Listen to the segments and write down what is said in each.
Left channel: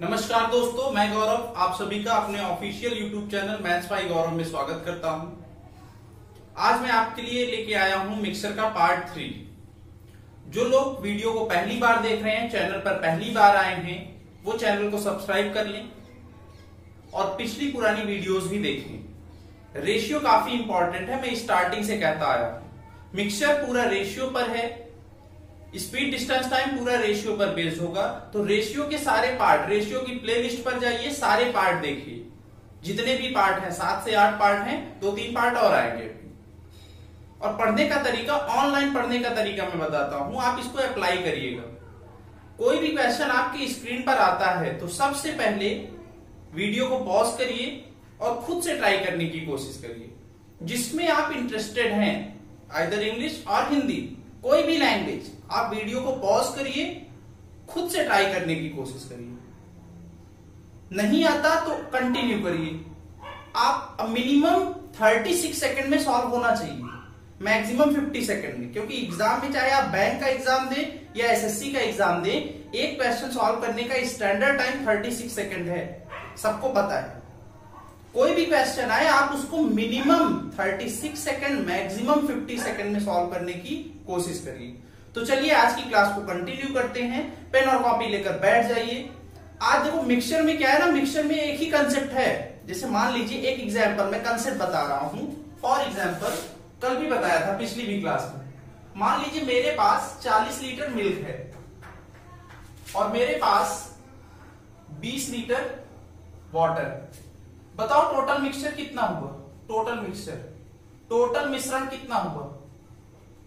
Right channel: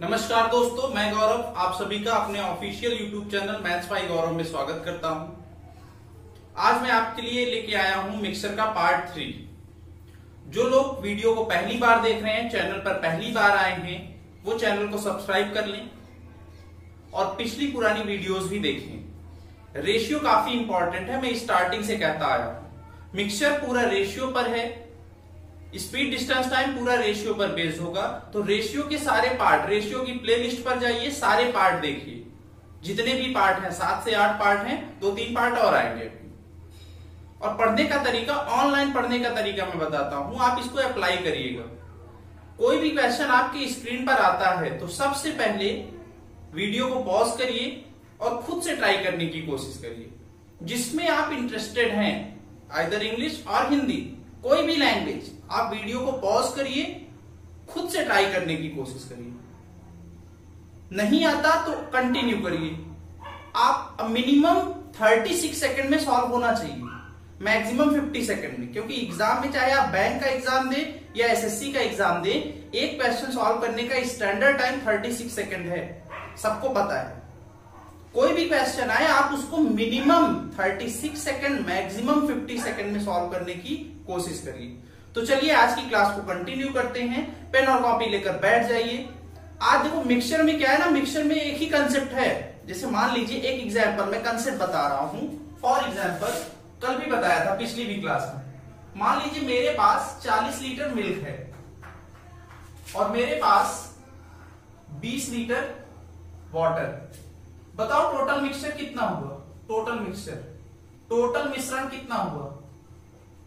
नमस्कार दोस्तों, मैं गौरव आप सभी का अपने official YouTube channel maths by Gaurav में स्वागत करता हूं। आज मैं आपके लिए लेके आया हूं मिक्सर का पार्ट 3। जो लोग वीडियो को पहली बार देख रहे हैं, चैनल पर पहली बार आए हैं, वो चैनल को सब्सक्राइब कर लें और पिछली पुरानी वीडियोस भी देखें। रेशियो काफी इंपॉर्टेंट है, मैं स्टार्टिंग से कहता आया हूं। मिक्सचर पूरा रेशियो पर है, स्पीड डिस्टेंस टाइम पूरा रेशियो पर बेस्ड होगा। तो रेशियो के सारे पार्ट, रेशियो की प्लेलिस्ट पर जाइए, सारे पार्ट देखिए। जितने भी पार्ट हैं, 7 से 8 पार्ट हैं, 2-3 पार्ट और आएंगे। और पढ़ने का तरीका, ऑनलाइन पढ़ने का तरीका मैं बताता हूं, आप इसको अप्लाई करिएगा। कोई भी क्वेश्चन आपकी स्क्रीन पर आता है तो सबसे पहले वीडियो को पॉज करिए और खुद से ट्राई करने की कोशिश करिए। जिसमें आप इंटरेस्टेड हैं, आइदर इंग्लिश और हिंदी, कोई भी लैंग्वेज, आप वीडियो को पॉज करिए, खुद से ट्राई करने की कोशिश करिए। नहीं आता तो कंटिन्यू करिए। आप मिनिमम 36 सेकंड में सॉल्व होना चाहिए, मैक्सिमम 50 सेकंड में। क्योंकि एग्जाम में, चाहे आप बैंक का एग्जाम दें या एसएससी का एग्जाम दें, एक क्वेश्चन सॉल्व करने का स्टैंडर्ड टाइम 36 सेकंड है, सबको पता है। कोई भी क्वेश्चन आए, आप उसको मिनिमम 36 सेकंड, मैक्सिमम 50 सेकंड में सॉल्व करने की कोशिश करिए। तो चलिए आज की क्लास को कंटिन्यू करते हैं। पेन और कॉपी लेकर बैठ जाइए। आज देखो मिक्सचर में क्या है ना, मिक्सचर में एक ही कंसेप्ट है। जैसे मान लीजिए एक एग्जाम्पल, मैं कंसेप्ट बता रहा हूं। फॉर एग्जाम्पल, कल भी बताया था पिछली भी क्लास में। मान लीजिए मेरे पास 40 लीटर मिल्क है और मेरे पास 20 लीटर वाटर। बताओ टोटल मिक्सचर कितना हुआ? टोटल मिश्रण कितना हुआ?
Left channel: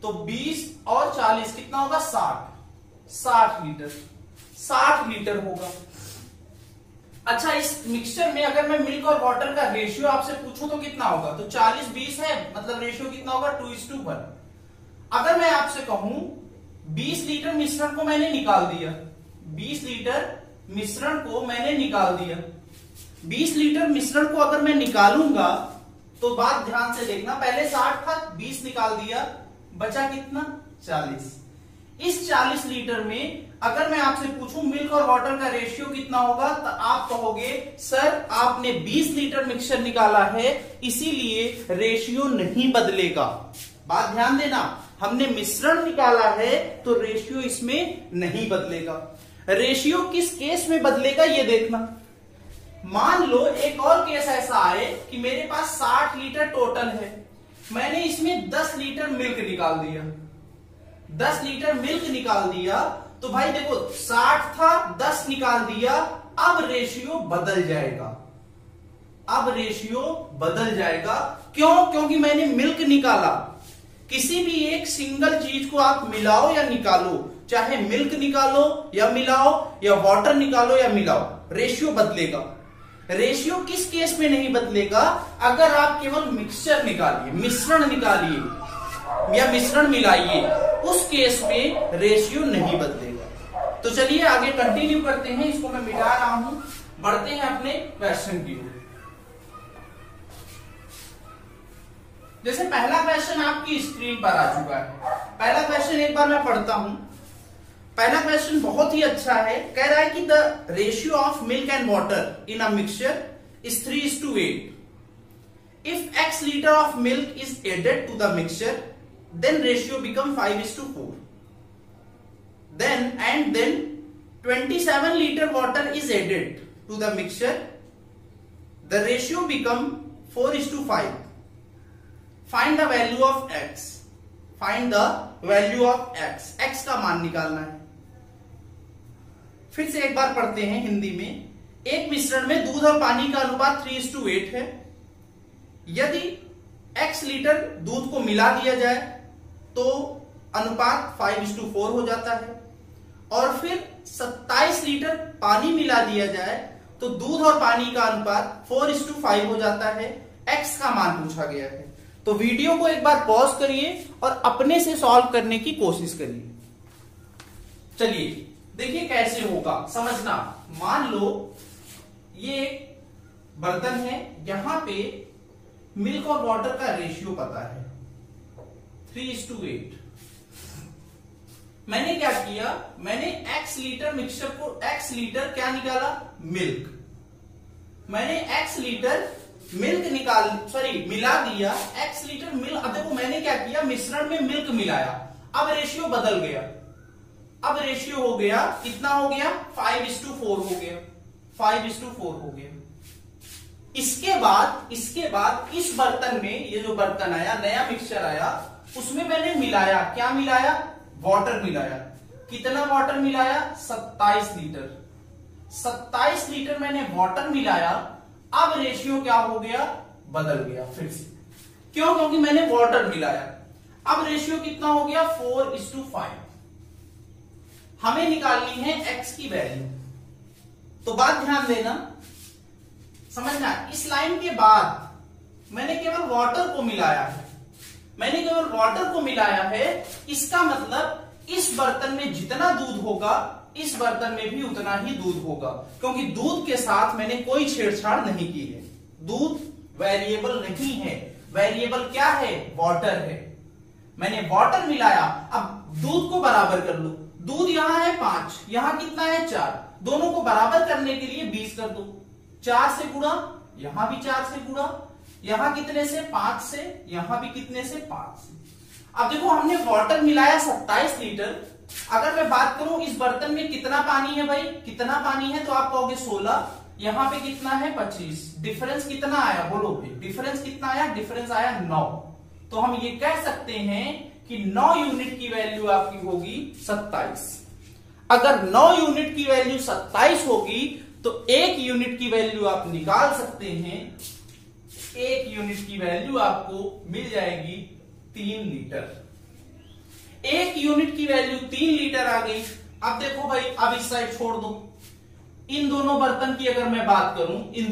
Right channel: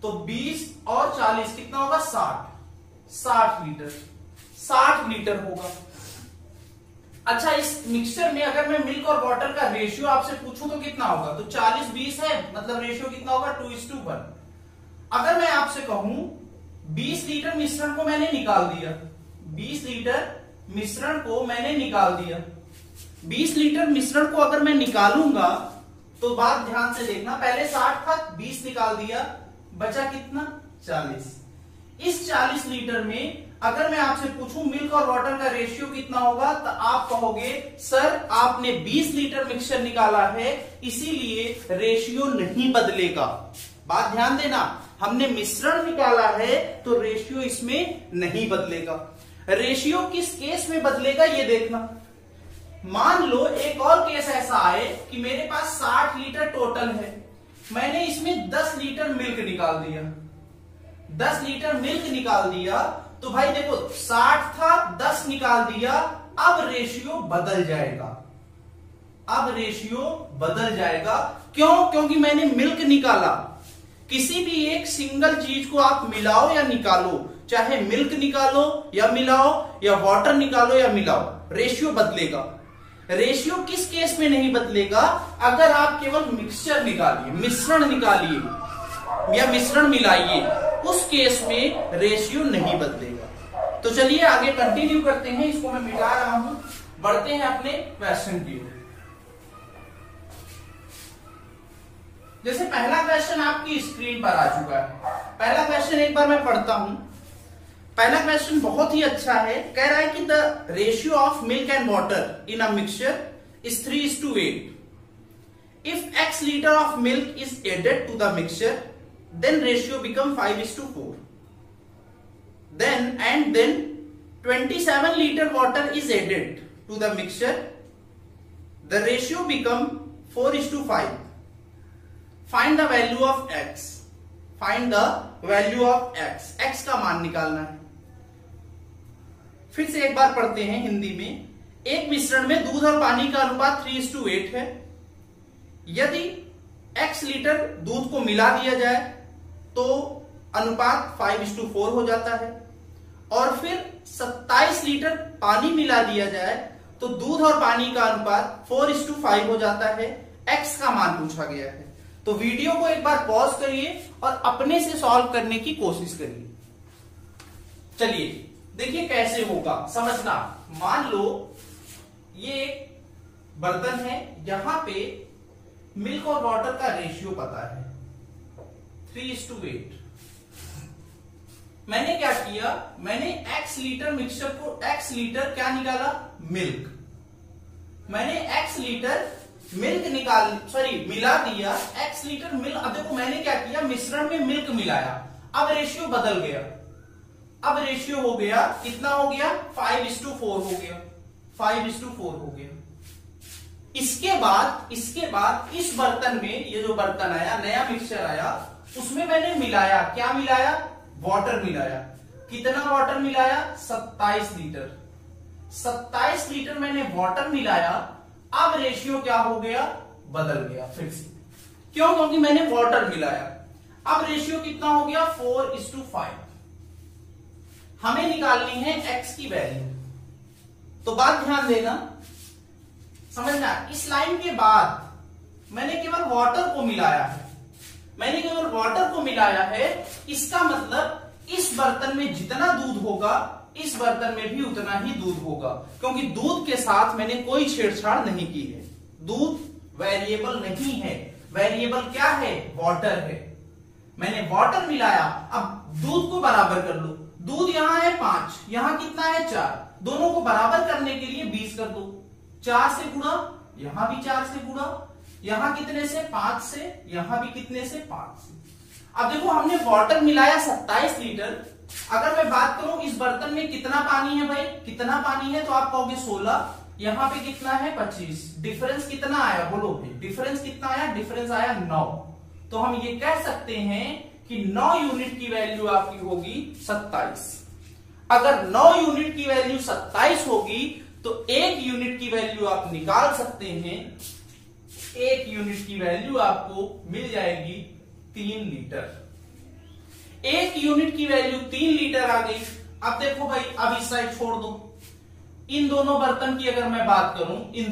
तो 20 और 40 कितना होगा? 60 लीटर। 60 लीटर होगा। अच्छा, इस मिक्सचर में अगर मैं मिल्क और वाटर का रेशियो आपसे पूछूं तो कितना होगा? तो 40-20 है, मतलब रेशियो कितना होगा? 2:1। अगर मैं आपसे कहूं 20 लीटर मिश्रण को मैंने निकाल दिया, 20 लीटर मिश्रण को मैंने निकाल दिया, 20 लीटर मिश्रण को अगर मैं निकालूंगा तो बात ध्यान से देखना, पहले 60 था, 20 निकाल दिया, बचा कितना? 40। इस 40 लीटर में अगर मैं आपसे पूछूं मिल्क और वाटर का रेशियो कितना होगा, तो आप कहोगे सर आपने 20 लीटर मिक्सचर निकाला है, इसीलिए रेशियो नहीं बदलेगा। बात ध्यान देना, हमने मिश्रण निकाला है तो रेशियो इसमें नहीं बदलेगा। रेशियो किस केस में बदलेगा ये देखना। मान लो एक और केस ऐसा आए कि मेरे पास 60 लीटर टोटल है, मैंने इसमें 10 लीटर मिल्क निकाल दिया, 10 लीटर मिल्क निकाल दिया, तो भाई देखो 60 था, 10 निकाल दिया, अब रेशियो बदल जाएगा। अब रेशियो बदल जाएगा। क्यों? क्योंकि मैंने मिल्क निकाला। किसी भी एक सिंगल चीज को आप मिलाओ या निकालो, चाहे मिल्क निकालो या मिलाओ, या वाटर निकालो या मिलाओ, रेशियो बदलेगा। रेशियो किस केस में नहीं बदलेगा? अगर आप केवल मिक्सचर निकालिए, मिश्रण निकालिए या मिश्रण मिलाइए, उस केस में रेशियो नहीं बदलेगा। तो चलिए आगे कंटिन्यू करते हैं। इसको मैं मिटा रहा हूं, बढ़ते हैं अपने क्वेश्चन की ओर। जैसे पहला क्वेश्चन आपकी स्क्रीन पर आ चुका है। पहला क्वेश्चन एक बार मैं पढ़ता हूं। पहला क्वेश्चन बहुत ही अच्छा है। कह रहा है कि the ratio of milk and water in a mixture is 3:8। If x litre of milk is added to the mixture, then ratio become 5:4. Then 27 liter water is added to the mixture. The ratio become 4:5. Find the value of x. Find the value of x. x का मान निकालना है। फिर से एक बार पढ़ते हैं हिंदी में। एक मिश्रण में दूध और पानी का अनुपात 3:8 है। यदि x लीटर दूध को मिला दिया जाए तो अनुपात 5:4 हो जाता है, और फिर 27 लीटर पानी मिला दिया जाए तो दूध और पानी का अनुपात 4:5 हो जाता है। x का मान पूछा गया है। तो वीडियो को एक बार पॉज करिए और अपने से सॉल्व करने की कोशिश करिए। चलिए देखिए कैसे होगा, समझना। मान लो ये एक बर्तन है, यहां पे मिल्क और वाटर का रेशियो पता है 3:8। मैंने क्या किया, मैंने x लीटर मिक्सचर को x लीटर क्या निकाला, मिल्क। मैंने x लीटर मिल्क मिला दिया x लीटर मिल्क। अब देखो मैंने क्या किया, मिश्रण में मिल्क मिलाया, अब रेशियो बदल गया। अब रेशियो हो गया, कितना हो गया, 5:4 हो गया, 5:4 हो गया। इसके बाद इस बर्तन में, ये जो बर्तन आया, नया मिक्सचर आया, उसमें मैंने मिलाया, क्या मिलाया, वाटर मिलाया। कितना वाटर मिलाया, 27 लीटर। 27 लीटर मैंने वाटर मिलाया। अब रेशियो क्या हो गया, बदल गया फिर से। क्यों, क्योंकि मैंने वाटर मिलाया। अब रेशियो कितना हो गया, 4:5। हमें निकालनी है x की वैल्यू। तो बात ध्यान देना, समझना, इस लाइन के बाद मैंने केवल वाटर को मिलाया है, मैंने केवल वाटर को मिलाया है। इसका मतलब इस बर्तन में जितना दूध होगा, इस बर्तन में भी उतना ही दूध होगा, क्योंकि दूध के साथ मैंने कोई छेड़छाड़ नहीं की है। दूध वेरिएबल नहीं है, वेरिएबल क्या है, वाटर है। मैंने वाटर मिलाया, अब दूध को बराबर कर लो। दूध यहां है 5, यहां कितना है 4, दोनों को बराबर करने के लिए 20 कर दो। 4 से गुणा, यहां भी 4 से गुणा, यहां कितने से, 5 से, यहां भी कितने से, 5 से। अब देखो हमने वाटर मिलाया 27 लीटर। अगर मैं बात करूं इस बर्तन में कितना पानी है भाई, कितना पानी है, तो आप कहोगे 16, यहां पे कितना है 25। डिफरेंस कितना आया, बोलो भाई, डिफरेंस कितना आया, डिफरेंस आया 9। तो हम ये कह सकते हैं कि 9 यूनिट की वैल्यू आपकी होगी 27। अगर 9 यूनिट की वैल्यू 27 होगी तो 1 यूनिट की वैल्यू आप निकाल सकते हैं। 1 यूनिट की वैल्यू आपको मिल जाएगी 3 लीटर। 1 यूनिट की वैल्यू 3 लीटर आ गई। अब देखो भाई, अब इस साइड छोड़ दो। इन दोनों बर्तन की अगर मैं बात करूं, इन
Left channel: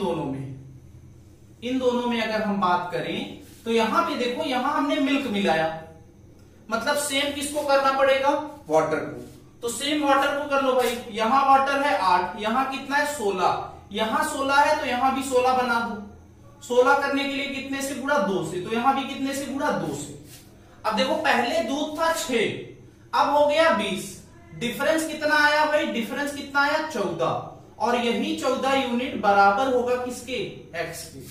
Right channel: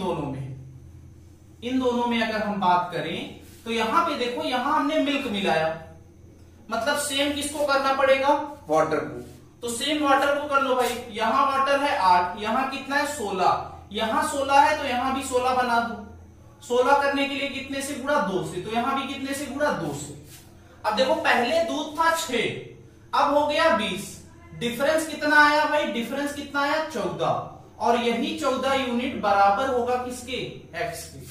दोनों में अगर हम बात करें तो यहां पे देखो, यहां हमने मिल्क मिलाया, मतलब सेम किसको करना पड़ेगा, वाटर को। तो सेम वाटर को कर लो भाई। यहां वाटर है 8, यहां कितना है 16, यहां 16 है तो यहां भी 16 बना दो। 16 करने के लिए कितने से गुणा, 2 से, तो यहां भी कितने से गुणा, 2 से। अब देखो पहले दूध था 6, अब हो गया 20। डिफरेंस कितना आया भाई, डिफरेंस कितना आया, 14। और यही 14 यूनिट बराबर होगा किसके, x के।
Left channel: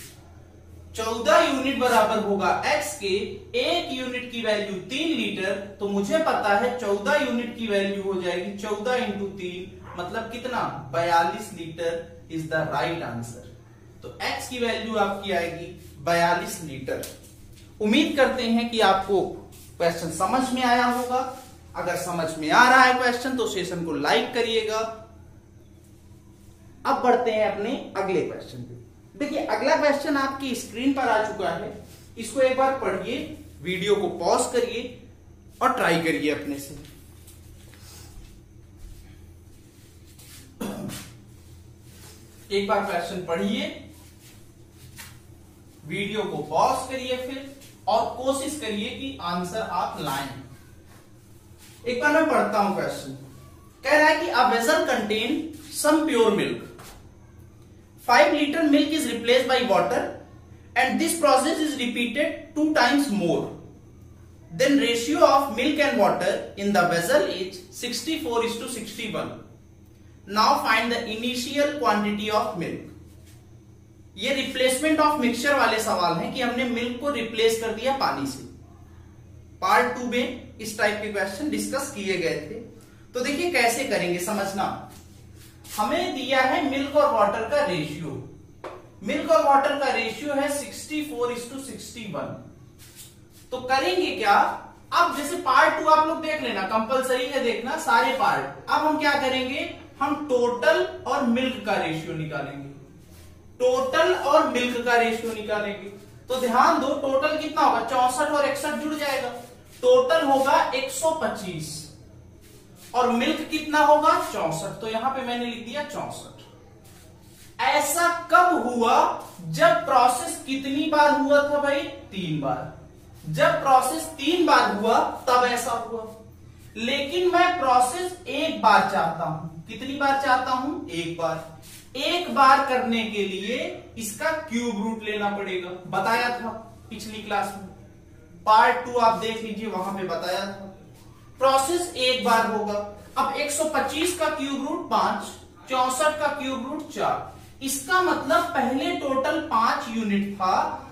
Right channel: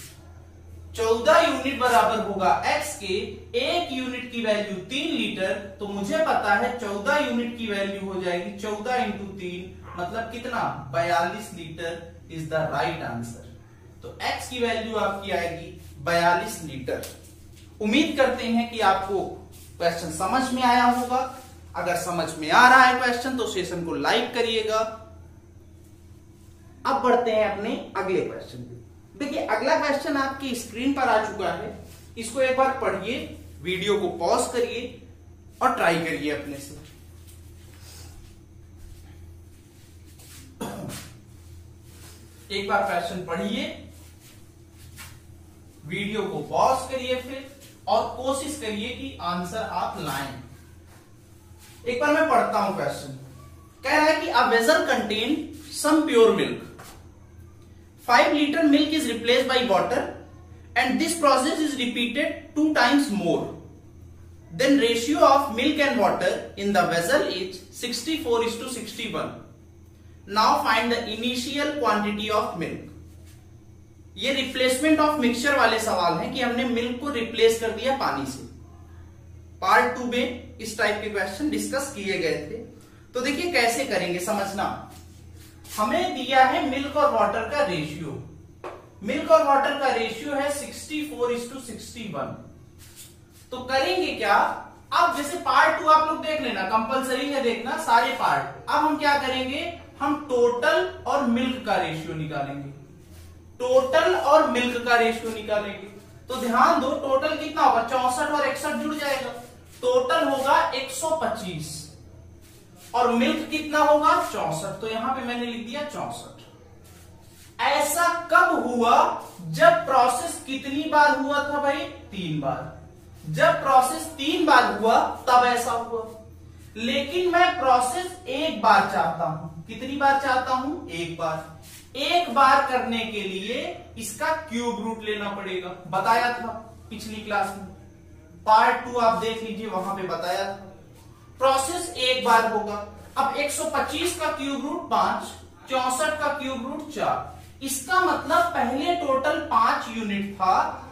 14 यूनिट बराबर होगा x के। 1 यूनिट की वैल्यू 3 लीटर, तो मुझे पता है 14 यूनिट की वैल्यू हो जाएगी 14 इंटू 3, मतलब कितना, 42 litre is the right answer. तो x की वैल्यू आपकी आएगी 42 लीटर। उम्मीद करते हैं कि आपको क्वेश्चन समझ में आया होगा। अगर समझ में आ रहा है क्वेश्चन तो सेशन को लाइक करिएगा। अब बढ़ते हैं अपने अगले क्वेश्चन पे। देखिए अगला क्वेश्चन आपकी स्क्रीन पर आ चुका है, इसको एक बार पढ़िए, वीडियो को पॉज करिए और ट्राई करिए अपने से। एक बार क्वेश्चन पढ़िए, वीडियो को पॉज करिए फिर, और कोशिश करिए कि आंसर आप लाएं। एक बार मैं पढ़ता हूं क्वेश्चन। कह रहा है कि a vessel contain some pure milk, 5 liter milk is replaced by water and this process is repeated 2 times more. Then ratio of milk and water in the vessel is 64:61. Now find the initial quantity of milk. ये replacement of mixture वाले सवाल हैं कि हमने milk को replace कर दिया पानी से। पार्ट 2 में इस टाइप के क्वेश्चन डिस्कस किए गए थे। तो देखिए कैसे करेंगे, समझना। हमें दिया है मिल्क और वाटर का रेशियो। मिल्क और वाटर का रेशियो है 64:61। तो करेंगे क्या, अब जैसे पार्ट 2 आप लोग देख लेना, कंपलसरी है देखना सारे पार्ट। अब हम क्या करेंगे, हम टोटल और मिल्क का रेशियो निकालेंगे। टोटल और मिल्क का रेशियो निकालेंगे। तो ध्यान दो, टोटल कितना होगा, 64 और 61 जुड़ जाएगा, टोटल होगा 125, और मिल्क कितना होगा 64। तो यहां पे मैंने लिख दिया 64। ऐसा कब हुआ, जब प्रोसेस कितनी बार हुआ था भाई, 3 बार। जब प्रोसेस 3 बार हुआ तब ऐसा हुआ। लेकिन मैं प्रोसेस 1 बार चाहता हूं। कितनी बार चाहता हूं, 1 बार। 1 बार करने के लिए इसका क्यूब रूट लेना पड़ेगा, बताया था पिछली क्लास में। पार्ट 2 आप देख लीजिए, वहां पे बताया था। प्रोसेस एक बार होगा। अब 125 का क्यूब रूट 5, 64 का क्यूब रूट 4, इसका मतलब पहले टोटल 5 यूनिट था,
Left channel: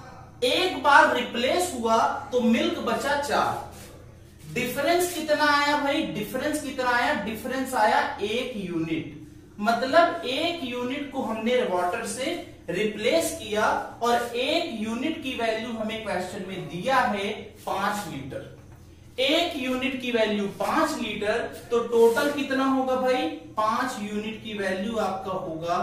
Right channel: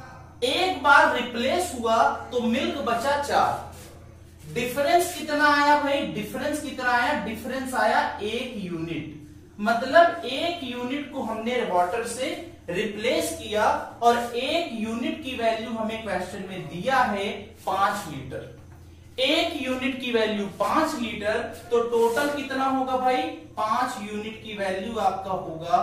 एक बार रिप्लेस हुआ तो मिल्क बचा 4। डिफरेंस कितना आया भाई? डिफरेंस कितना आया? डिफरेंस आया 1 यूनिट। मतलब 1 यूनिट को हमने वाटर से रिप्लेस किया और 1 यूनिट की वैल्यू हमें क्वेश्चन में दिया है 5 लीटर। 1 यूनिट की वैल्यू 5 लीटर, तो टोटल कितना होगा भाई? 5 यूनिट की वैल्यू आपका होगा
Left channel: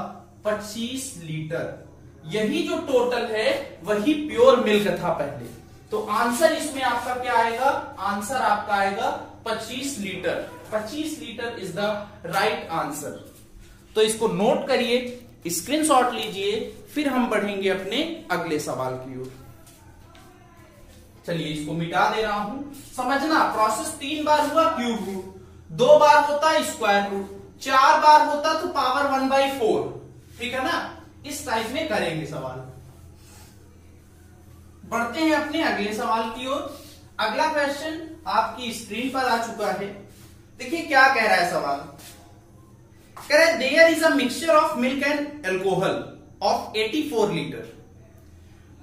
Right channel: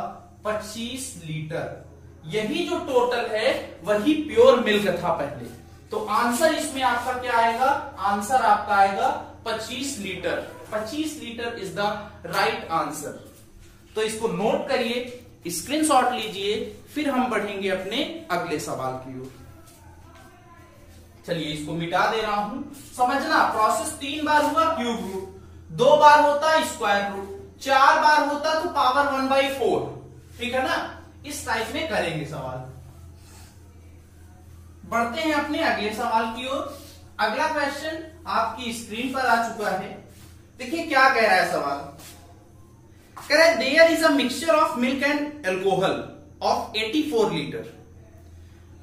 25 लीटर। यही जो टोटल है वही प्योर मिल्क था पहले। तो आंसर इसमें आपका क्या आएगा? आंसर आपका आएगा 25 litre. 25 litre is the right answer. तो इसको नोट करिए, स्क्रीनशॉट लीजिए, फिर हम बढ़ेंगे अपने अगले सवाल की ओर। चलिए इसको मिटा दे रहा हूं। समझना, प्रोसेस 3 बार हुआ क्यूब रूट, 2 बार होता स्क्वायर रूट, 4 बार होता तो पावर 1/4। ठीक है ना? इस टाइप में करेंगे सवाल। बढ़ते हैं अपने अगले सवाल की ओर। अगला क्वेश्चन आपकी स्क्रीन पर आ चुका है। देखिए क्या कह रहा है सवाल। कह रहा है there is a mixture of milk and alcohol of 84 litre.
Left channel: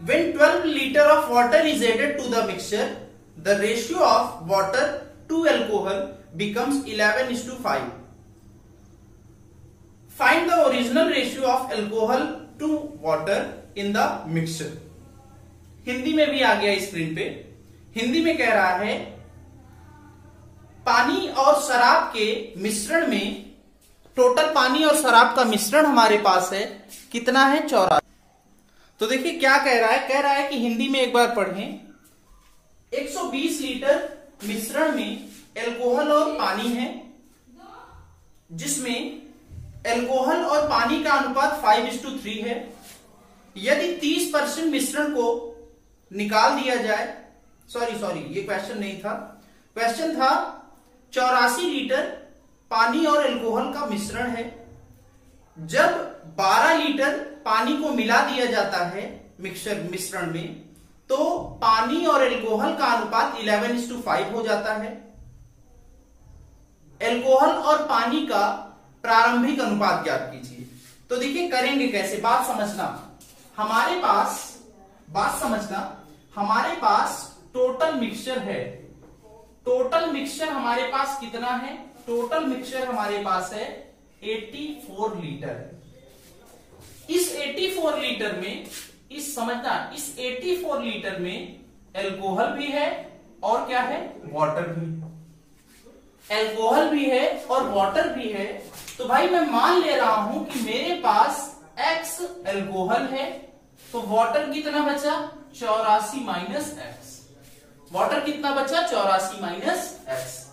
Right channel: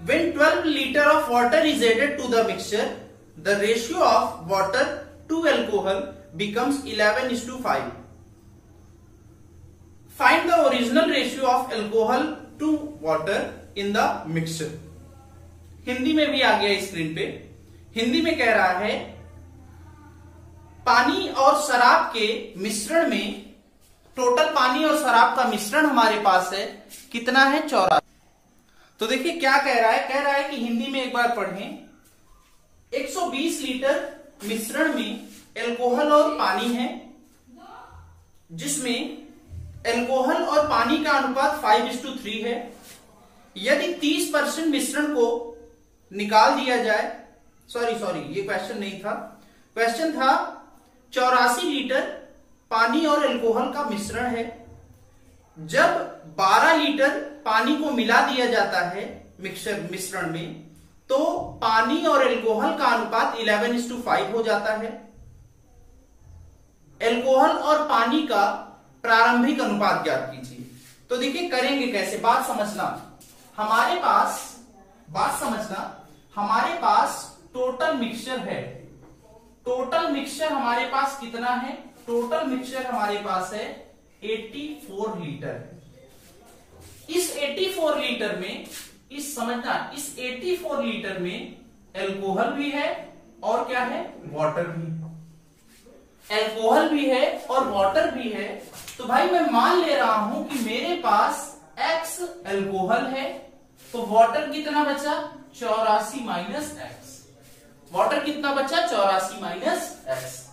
When 12 liter of water is added to the mixture, the ratio of water to alcohol becomes 11:5. Find the original ratio of alcohol to water in the mixture. Hindi में भी आ गया screen पे। हिंदी में कह रहा है पानी और शराब के मिश्रण में, टोटल पानी और शराब का मिश्रण हमारे पास है कितना है? 84। तो देखिए क्या कह रहा है। कह रहा है कि हिंदी में एक बार पढ़ें। 120 लीटर मिश्रण में एल्कोहल और पानी है, जिसमें एल्कोहल और पानी का अनुपात 5:3 है। यदि 30% मिश्रण को निकाल दिया जाए, सॉरी ये क्वेश्चन नहीं था, क्वेश्चन था 84 लीटर पानी और एल्कोहल का मिश्रण है। जब 12 लीटर पानी को मिला दिया जाता है मिश्रण में, तो पानी और एल्कोहल का अनुपात 11:5 हो जाता है। एल्कोहल और पानी का प्रारंभिक अनुपात ज्ञात कीजिए। तो देखिए करेंगे कैसे, बात समझना। हमारे पास टोटल मिक्सचर है। टोटल मिक्सचर हमारे पास कितना है? टोटल मिक्सचर हमारे पास है 84 लीटर है। इस 84 लीटर में, इस 84 लीटर में एल्कोहल भी है और क्या है? वाटर भी। एल्कोहल भी है और वाटर भी है। तो भाई मैं मान ले रहा हूं कि मेरे पास X एल्कोहल है, तो वाटर कितना बचा? 84 माइनस एक्स। वाटर कितना बचा? 84 माइनस एक्स।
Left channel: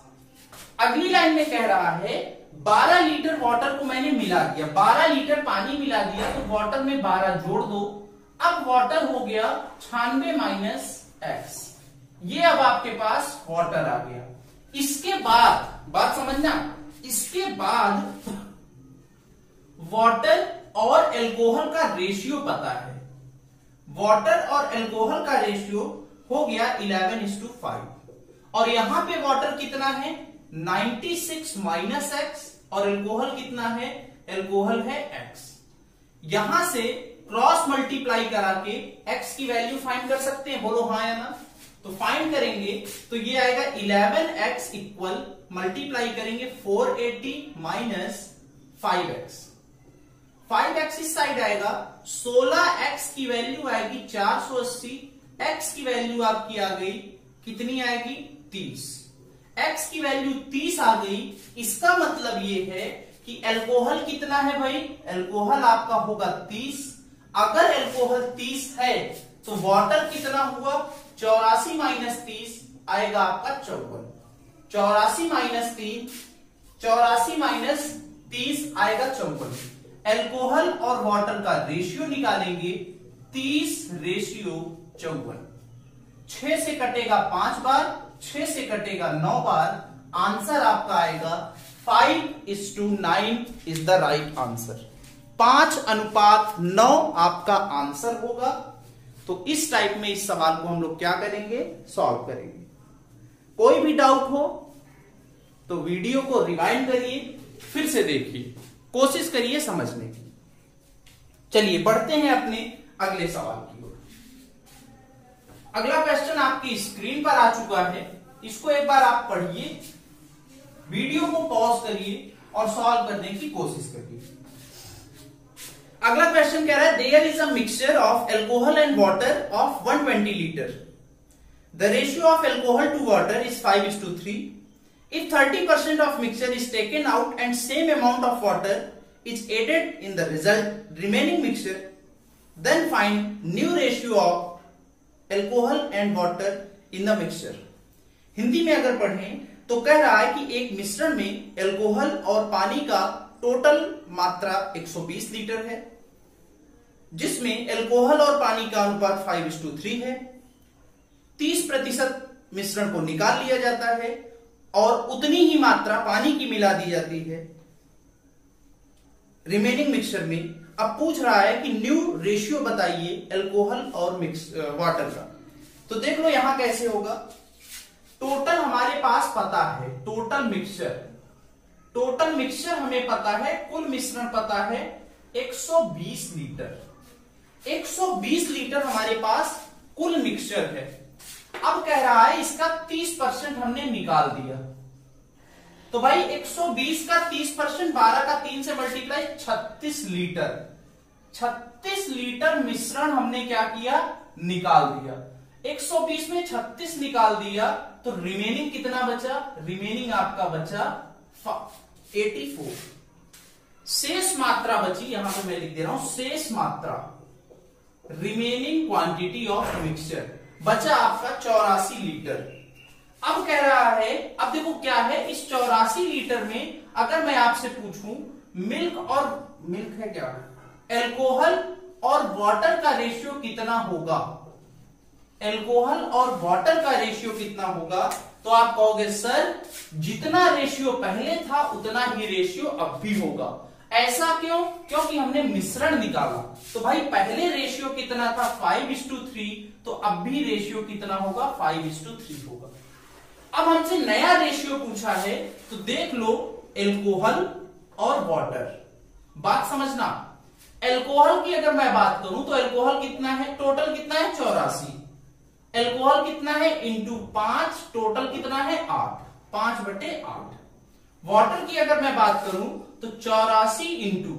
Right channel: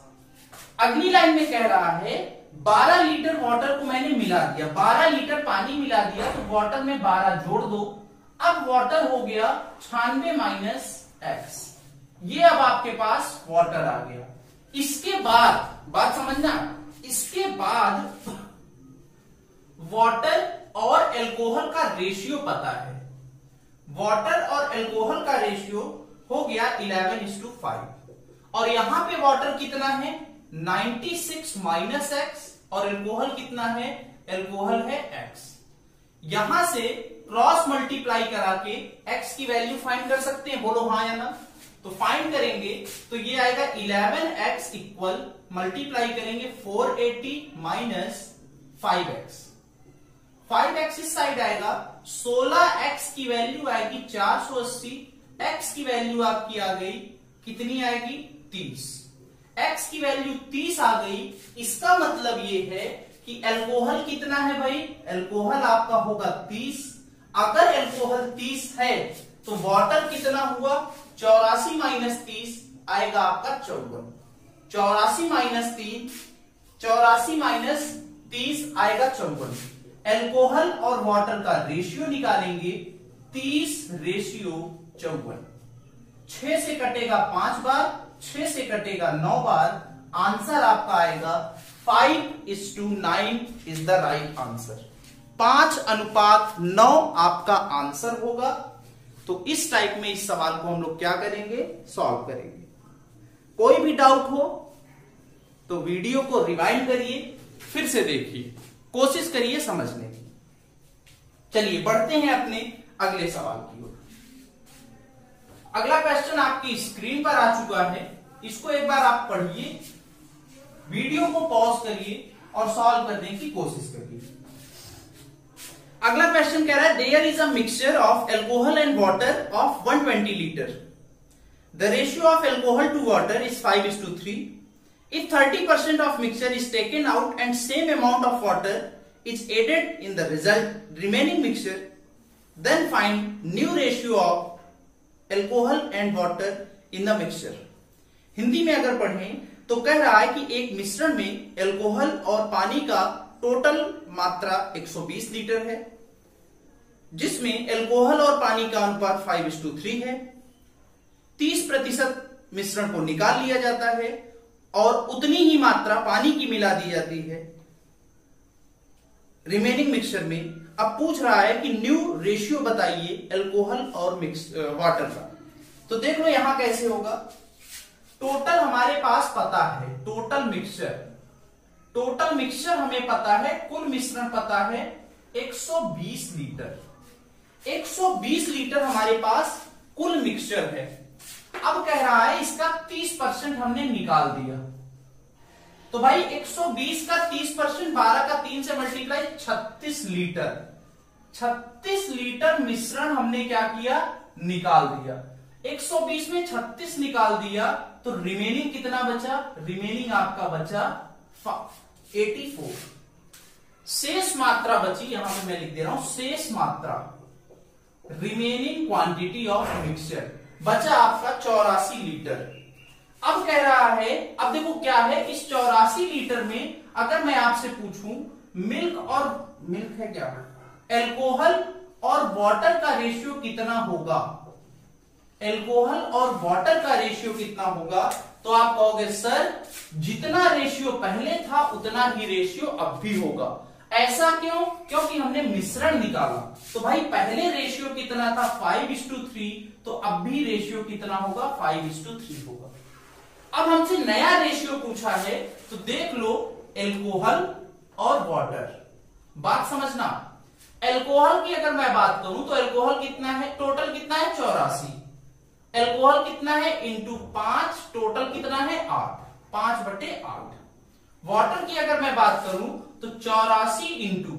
अगली लाइन में कह रहा है 12 लीटर वाटर को मैंने मिला दिया, 12 लीटर पानी मिला दिया, तो वाटर में 12 जोड़ दो। अब वाटर हो गया 96 माइनस एक्स। ये अब आपके पास वाटर आ गया। इसके बाद बात समझना, इसके बाद वाटर और एल्कोहल का रेशियो पता है। वाटर और एल्कोहल का रेशियो हो गया 11:5। और यहां पे वाटर कितना है? 96 माइनस एक्स, और एल्कोहल कितना है? एल्कोहल है एक्स। यहां से क्रॉस मल्टीप्लाई करा के एक्स की वैल्यू फाइंड कर सकते हैं, बोलो हाँ या ना। तो फाइंड करेंगे तो ये आएगा 11x इक्वल, मल्टीप्लाई करेंगे 480 माइनस 5x। 5x इस साइड आएगा, 16x की वैल्यू आएगी 480, x की वैल्यू आपकी आ गई कितनी आएगी? 30। x की वैल्यू 30 आ गई। इसका मतलब ये है कि एल्कोहल कितना है भाई? एल्कोहल आपका होगा 30। अगर एल्कोहल 30 है तो वाटर कितना हुआ? 84 माइनस 30 आएगा आपका 54। 84 माइनस 3, 84 माइनस 30 आएगा 54। एल्कोहल और वाटर का रेशियो निकालेंगे, 30:54। 6 से कटेगा 5 बार, 6 से कटेगा 9 बार। आंसर आपका आएगा 5:9 इज द राइट आंसर। 5:9 आपका आंसर होगा। तो इस टाइप में इस सवाल को हम लोग क्या करेंगे? सॉल्व करेंगे। कोई भी डाउट हो तो वीडियो को रिवाइंड करिए, फिर से देखिए, कोशिश करिए समझने की। चलिए बढ़ते हैं अपने अगले सवाल की ओर। अगला क्वेश्चन आपकी स्क्रीन पर आ चुका है, इसको एक बार आप पढ़िए, वीडियो को पॉज करिए और सॉल्व करने की कोशिश करिए। अगला क्वेश्चन कह रहा है there is a mixture of alcohol and water of 120 litre. The ratio of alcohol to water is 5:3। If 30% of mixture is taken out and same amount of water is added in the remaining mixture, then find new ratio of alcohol and water in the mixture. Hindi में अगर पढ़ें तो कह रहा है कि एक मिश्रण में एल्कोहल और पानी का टोटल मात्रा 120 लीटर है, जिसमें एल्कोहल और पानी का अनुपात 5:3 है। 30% मिश्रण को निकाल लिया जाता है और उतनी ही मात्रा पानी की मिला दी जाती है रिमेनिंग मिक्सचर में। अब पूछ रहा है कि न्यू रेशियो बताइए एल्कोहल और वाटर का। तो देख लो यहां कैसे होगा। टोटल हमारे पास पता है, टोटल मिक्सचर हमें पता है, कुल मिश्रण पता है 120 लीटर। 120 लीटर हमारे पास कुल मिक्सचर है। अब कह रहा है इसका 30% हमने निकाल दिया, तो भाई 120 का 30%, 12 का 3 से मल्टीप्लाई, 36 लीटर। 36 लीटर मिश्रण हमने क्या किया, निकाल दिया। 120 में 36 निकाल दिया तो रिमेनिंग कितना बचा, रिमेनिंग आपका बचा 84। शेष मात्रा बची, यहां पे मैं लिख दे रहा हूं शेष मात्रा, रिमेनिंग क्वांटिटी ऑफ मिक्सचर बचा आपका 84 लीटर। अब कह रहा है, अब देखो क्या है इस 84 लीटर में, अगर मैं आपसे पूछूं मिल्क है क्या, एल्कोहल और वाटर का रेशियो कितना होगा, एल्कोहल और वाटर का रेशियो कितना होगा, तो आप कहोगे सर जितना रेशियो पहले था उतना ही रेशियो अब भी होगा। ऐसा क्यों, क्योंकि हमने मिश्रण निकाला। तो भाई पहले रेशियो कितना था 5:3, तो अब भी रेशियो कितना होगा 5:3 होगा। अब हमसे नया रेशियो पूछा है, तो देख लो एल्कोहल और वाटर। बात समझना, एल्कोहल की अगर मैं बात करूं तो एल्कोहल कितना है, टोटल कितना है 84, एल्कोहल कितना है इंटू 5, टोटल कितना है 8, 5/8। वाटर की अगर मैं बात करूं तो 84 इंटू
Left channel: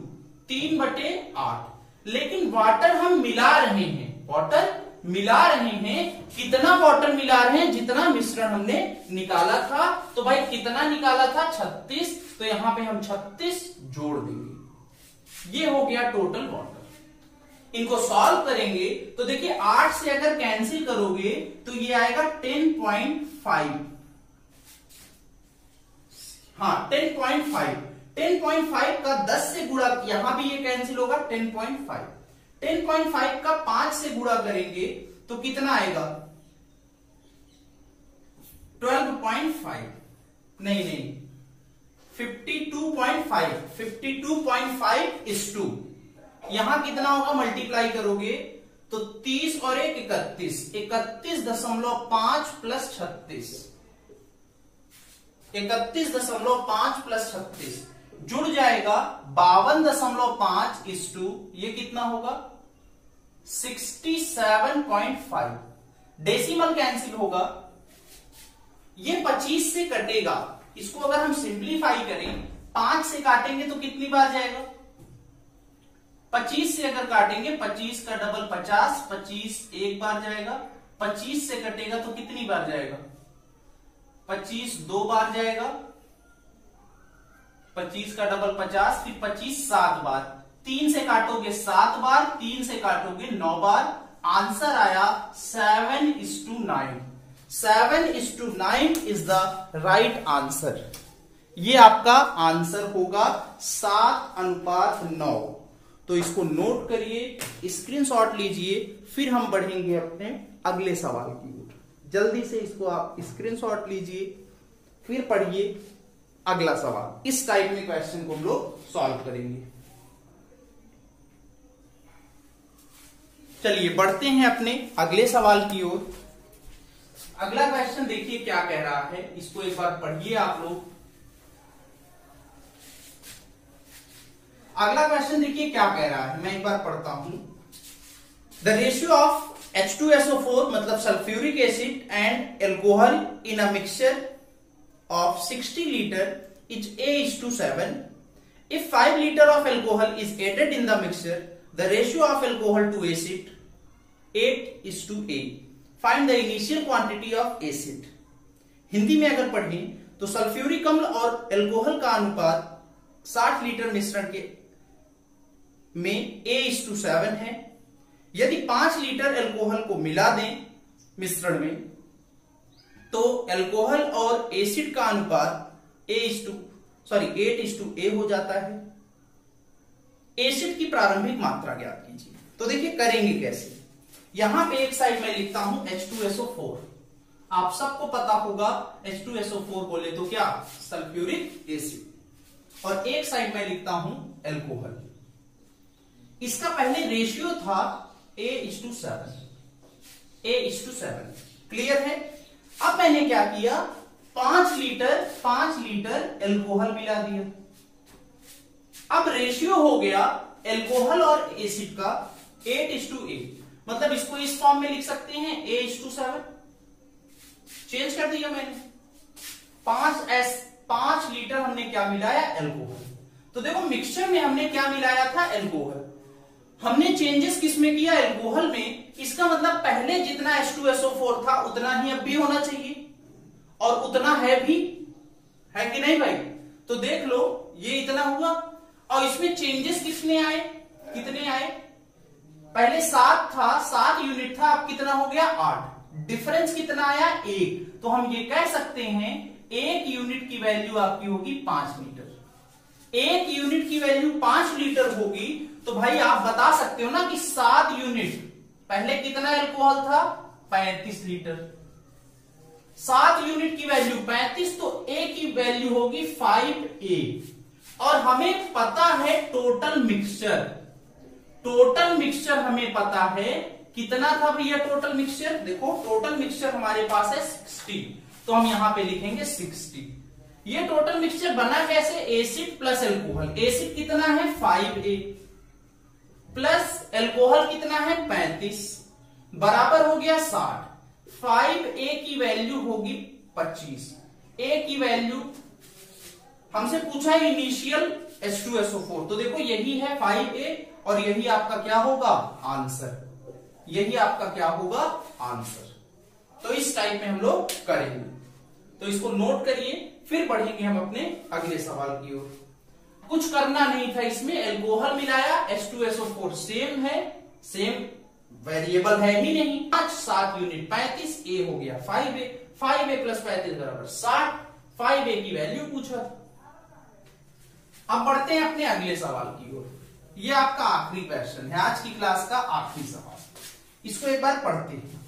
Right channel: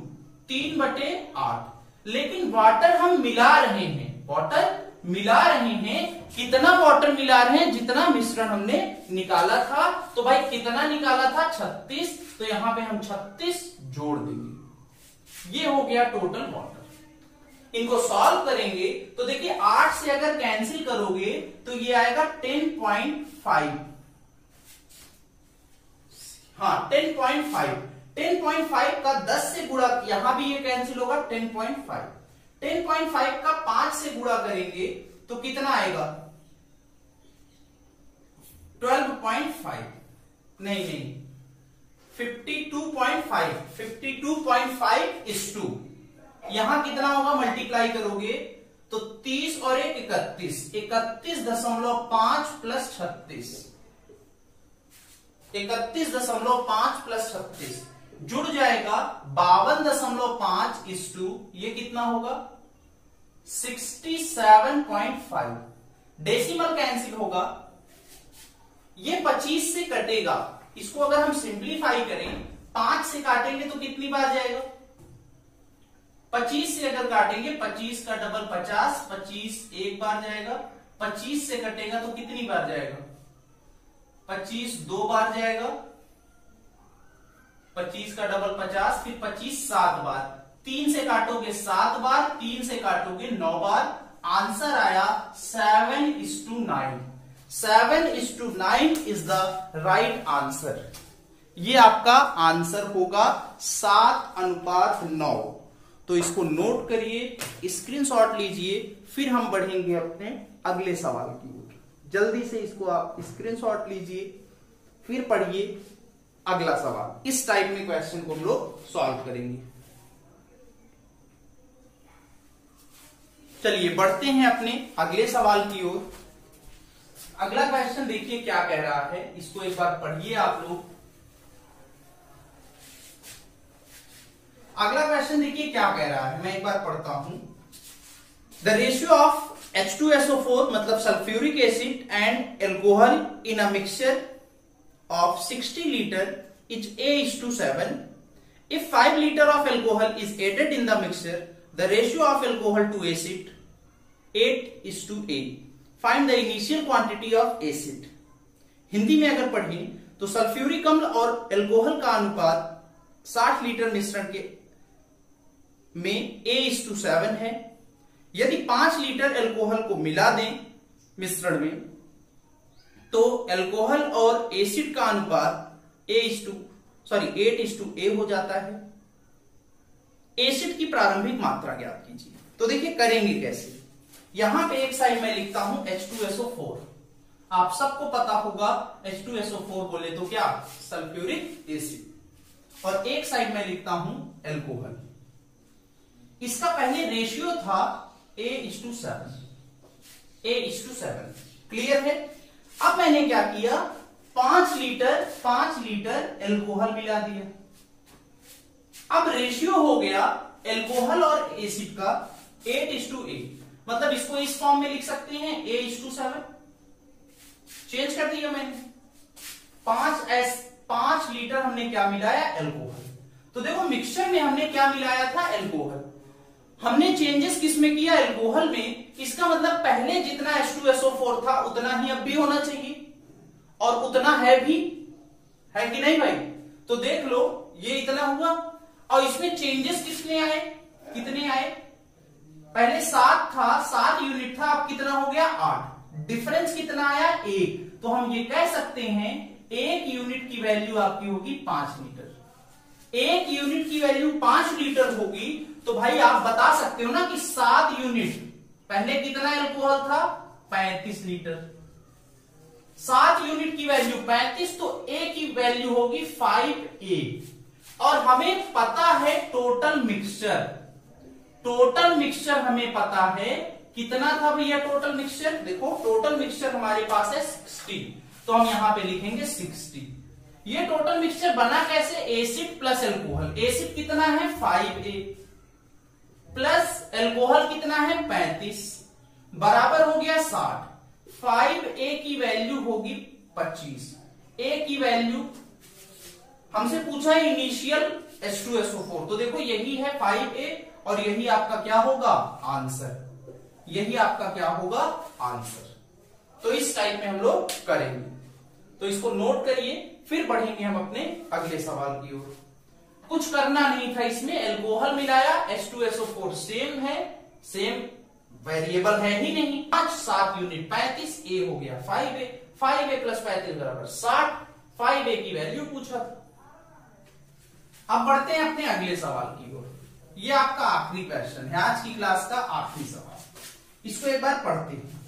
3/8। लेकिन वाटर हम मिला रहे हैं, वाटर मिला रहे हैं, कितना वाटर मिला रहे हैं, जितना मिश्रण हमने निकाला था। तो भाई कितना निकाला था 36, तो यहां पे हम 36 जोड़ देंगे, ये हो गया टोटल वाटर। इनको सॉल्व करेंगे तो देखिए 8 से अगर कैंसिल करोगे तो ये आएगा 10.5। हाँ 10.5, 10.5 का 10 से गुणा, यहां भी ये कैंसिल होगा 10.5। 10.5 का 5 से गुणा करेंगे तो कितना आएगा 12.5, नहीं 52.5, 52.5 is 2। यहां कितना होगा, मल्टीप्लाई करोगे तो 30 और 1 31, 31.5 प्लस 36, 31.5 प्लस 36 जुड़ जाएगा 52.5 is 2, ये कितना होगा 67.5। डेसिमल कैंसिल होगा, ये 25 से कटेगा, इसको अगर हम सिंप्लीफाई करें 5 से काटेंगे तो कितनी बार जाएगा, 25 से अगर काटेंगे 25 का डबल 50, 25 एक बार जाएगा, 25 से कटेगा तो कितनी बार जाएगा, 25 दो बार जाएगा, 25 का डबल 50, फिर 25 7 बार, 3 से काटोगे 7 बार, 3 से काटोगे 9 बार। आंसर आया 7:9। 7:9 इज द राइट आंसर। ये आपका आंसर होगा 7:9। तो इसको नोट करिए, स्क्रीनशॉट लीजिए, फिर हम बढ़ेंगे अपने अगले सवाल की ओर। जल्दी से इसको आप स्क्रीनशॉट लीजिए, फिर पढ़िए अगला सवाल। इस टाइप में क्वेश्चन को हम लोग सॉल्व करेंगे। चलिए बढ़ते हैं अपने अगले सवाल की ओर। अगला क्वेश्चन देखिए क्या कह रहा है, इसको एक बार पढ़िए आप लोग, अगला क्वेश्चन देखिए क्या कह रहा है, मैं एक बार पढ़ता हूं। द रेशियो ऑफ H2SO4 मतलब sulphuric acid and alcohol in a mixture of 60 liter is A:7. If 5 liter of alcohol is added in the mixture, the ratio of alcohol to acid 8:A. Find the initial quantity of acid. Hindi में अगर पढ़ें तो sulphuric अम्ल और alcohol का अनुपात 60 litre मिश्रण के में A:7 है। यदि 5 लीटर एल्कोहल को मिला दें मिश्रण में तो एल्कोहल और एसिड का अनुपात 8:A हो जाता है। एसिड की प्रारंभिक मात्रा ज्ञात कीजिए। तो देखिए करेंगे कैसे। यहां पे एक साइड में लिखता हूं H2SO4। आप सबको पता होगा H2SO4 बोले तो क्या, सल्फ्यूरिक एसिड। और एक साइड में लिखता हूं एल्कोहल। इसका पहले रेशियो था A:7। क्लियर है। अब मैंने क्या किया, 5 लीटर एल्कोहल मिला दिया। अब रेशियो हो गया एल्कोहल और एसिड का 8:A। मतलब इसको इस फॉर्म में लिख सकते हैं A:7। चेंज कर दिया मैंने। 5 लीटर हमने क्या मिलाया, एल्कोहल। तो देखो मिक्सचर में हमने क्या मिलाया था, एल्कोहल। हमने चेंजेस किस में किया, एल्कोहल में। इसका मतलब पहले जितना H2SO4 था उतना ही अब भी होना चाहिए, और उतना है भी, है कि नहीं भाई। तो देख लो ये इतना हुआ, और इसमें चेंजेस कितने आए, पहले 7 था, 7 यूनिट था, अब कितना हो गया, 8। डिफरेंस कितना आया, 1। तो हम ये कह सकते हैं 1 यूनिट की वैल्यू आपकी होगी 5 लीटर। 1 यूनिट की वैल्यू 5 लीटर होगी। तो भाई आप बता सकते हो ना कि 7 यूनिट, पहले कितना एल्कोहल था, 35 लीटर। 7 यूनिट की वैल्यू 35, तो A की वैल्यू होगी 5A। और हमें पता है टोटल मिक्सचर हमें पता है कितना था भैया टोटल मिक्सचर। देखो टोटल मिक्सचर हमारे पास है 60, तो हम यहां पे लिखेंगे 60। ये टोटल मिक्सचर बना कैसे, एसिड प्लस एल्कोहल। एसिड कितना है 5A प्लस एल्कोहल कितना है 35, बराबर हो गया 60। 5A की वैल्यू होगी 25। A की वैल्यू हमसे पूछा है इनिशियल H2SO4, तो देखो यही है 5A और यही आपका क्या होगा, आंसर। यही आपका क्या होगा, आंसर। तो इस टाइप में हम लोग करेंगे। तो इसको नोट करिए, फिर बढ़ेंगे हम अपने अगले सवाल की ओर। कुछ करना नहीं था इसमें, एल्कोहल मिलाया, H2SO4 सेम है, सेम वेरिएबल है ही नहीं। 7 यूनिट 35, A हो गया 5A, 5A प्लस 35 बराबर 60। 5A की वैल्यू पूछा था। अब बढ़ते हैं अपने अगले सवाल की ओर। ये आपका आखिरी क्वेश्चन है, आज की क्लास का आखिरी सवाल। इसको एक बार पढ़ते हैं।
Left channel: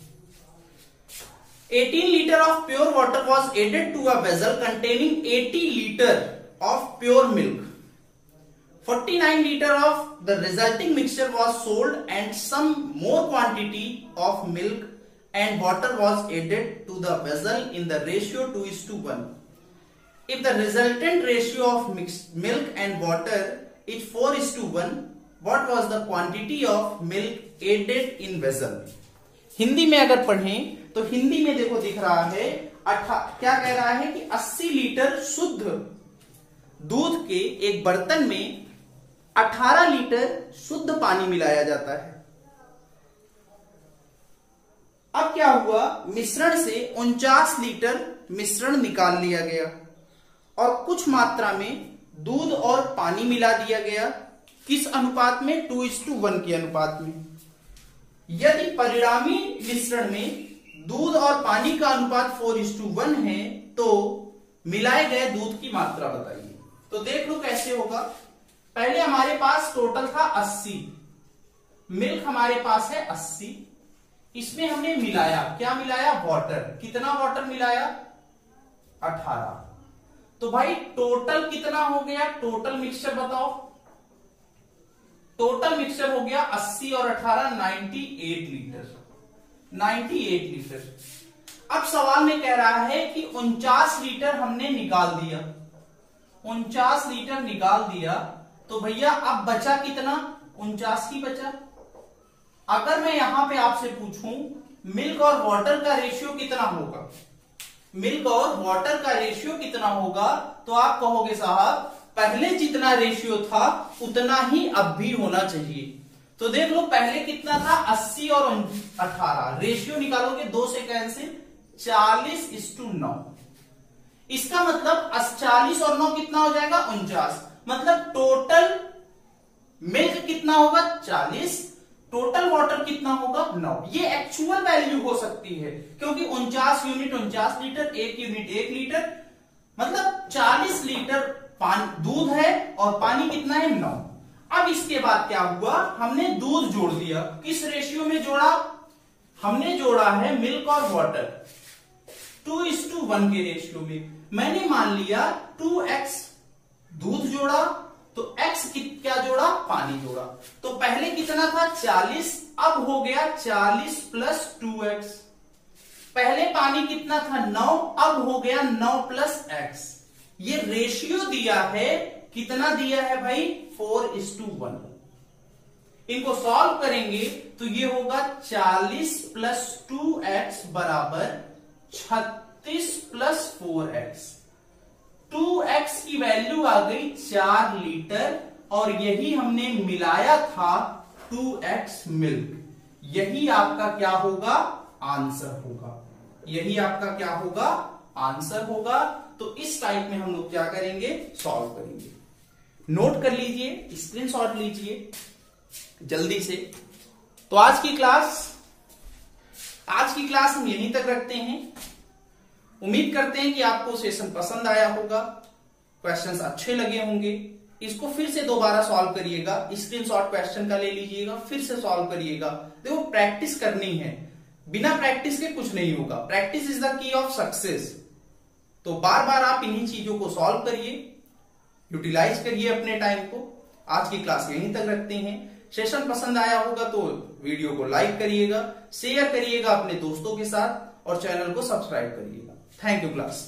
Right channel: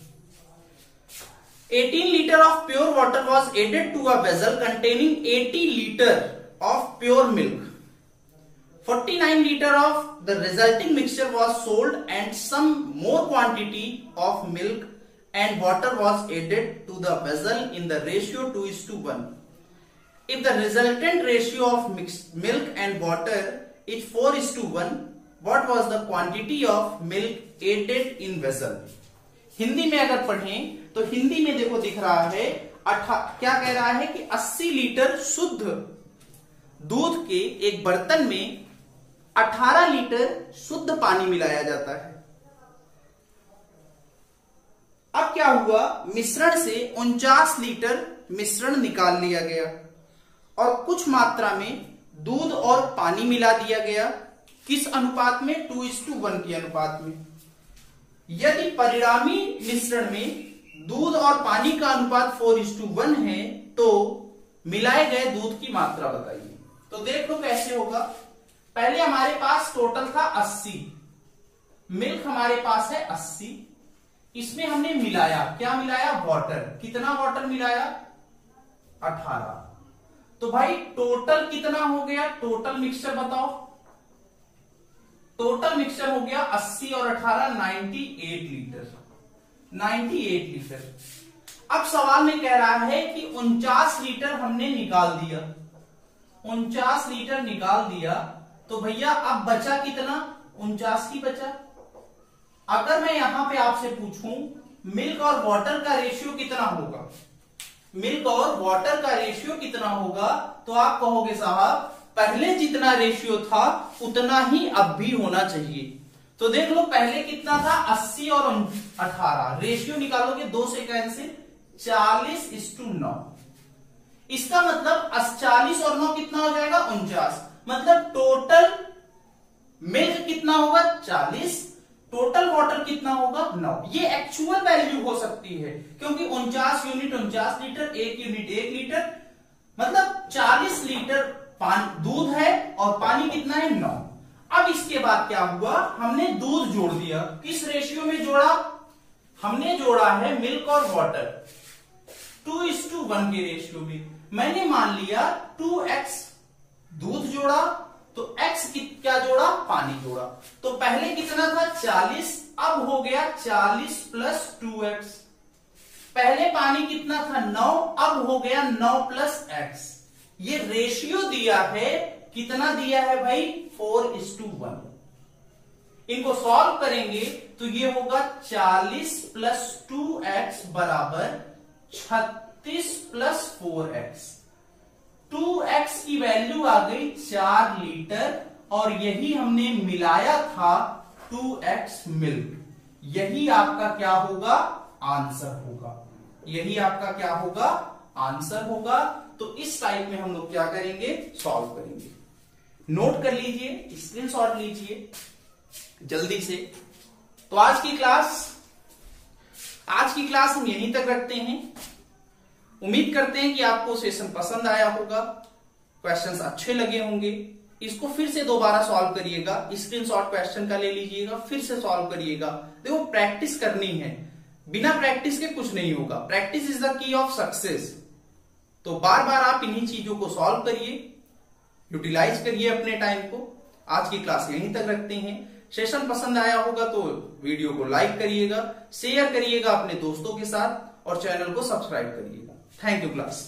18 liter of pure water was added to a vessel containing 80 liter of pure milk. 49 liter of the resulting mixture was sold and some more quantity of milk and water was added to the vessel in the ratio 2:1. If the resultant ratio of milk and water is 4:1, what was the quantity of milk added in vessel? Hindi में अगर पढ़ें तो हिंदी में देखो दिख रहा है क्या कह रहा है कि 80 लीटर शुद्ध दूध के एक बर्तन में 18 लीटर शुद्ध पानी मिलाया जाता है। अब क्या हुआ, मिश्रण से 49 लीटर मिश्रण निकाल लिया गया और कुछ मात्रा में दूध और पानी मिला दिया गया। किस अनुपात में, 2:1 के अनुपात में। यदि परिणामी मिश्रण में दूध और पानी का अनुपात 4:1 है तो मिलाए गए दूध की मात्रा बताइए। तो देख लो कैसे होगा। पहले हमारे पास टोटल था 80, मिल्क हमारे पास है 80, इसमें हमने मिलाया, क्या मिलाया, वाटर। कितना वाटर मिलाया, 18। तो भाई टोटल कितना हो गया, टोटल मिक्सचर बताओ। टोटल मिक्सचर हो गया 80 और 18 98 लीटर। 98 लीटर। अब सवाल में कह रहा है कि 49 लीटर हमने निकाल दिया। 49 लीटर निकाल दिया तो भैया अब बचा कितना, 49 ही बचा। अगर मैं यहां पे आपसे पूछूं मिल्क और वाटर का रेशियो कितना होगा, मिल्क और वाटर का रेशियो कितना होगा, तो आप कहोगे साहब पहले जितना रेशियो था उतना ही अब भी होना चाहिए। तो देख लो पहले कितना था, 80 और 18, रेशियो निकालोगे 2 से कैंसिल, 40:9। इसका मतलब 40 और 9 कितना हो जाएगा, 49। मतलब टोटल मिल्क कितना होगा, 40, टोटल वाटर कितना होगा, 9। ये एक्चुअल वैल्यू हो सकती है क्योंकि 49 यूनिट 49 लीटर, 1 यूनिट 1 लीटर, मतलब 40 लीटर दूध है और पानी कितना है, 9। अब इसके बाद क्या हुआ, हमने दूध जोड़ दिया, किस रेशियो में जोड़ा, हमने जोड़ा है मिल्क और वाटर 2:1 के रेशियो में। मैंने मान लिया 2x दूध जोड़ा तो x क्या जोड़ा, पानी जोड़ा। तो पहले कितना था 40, अब हो गया 40 + 2x। पहले पानी कितना था 9, अब हो गया 9 + x। ये रेशियो दिया है, कितना दिया है भाई, 4:1। इनको सॉल्व करेंगे तो ये होगा 40 + 2x बराबर 36 + 4x। 2x की वैल्यू आ गई 4 लीटर और यही हमने मिलाया था 2x मिल्क। यही आपका क्या होगा, आंसर होगा। यही आपका क्या होगा, आंसर होगा। तो इस टाइप में हम लोग क्या करेंगे, सॉल्व करेंगे। नोट कर लीजिए, स्क्रीनशॉट लीजिए जल्दी से। तो आज की क्लास हम यहीं तक रखते हैं। उम्मीद करते हैं कि आपको सेशन पसंद आया होगा, क्वेश्चंस अच्छे लगे होंगे। इसको फिर से दोबारा सॉल्व करिएगा, स्क्रीनशॉट क्वेश्चन का ले लीजिएगा, फिर से सॉल्व करिएगा। देखो प्रैक्टिस करनी है, बिना प्रैक्टिस के कुछ नहीं होगा। Practice is the key of success. तो बार बार आप इन्हीं चीजों को सॉल्व करिए, यूटिलाइज करिए अपने टाइम को। आज की क्लास यहीं तक रखते हैं। सेशन पसंद आया होगा तो वीडियो को लाइक करिएगा, शेयर करिएगा अपने दोस्तों के साथ और चैनल को सब्सक्राइब करिएगा। Thank you class.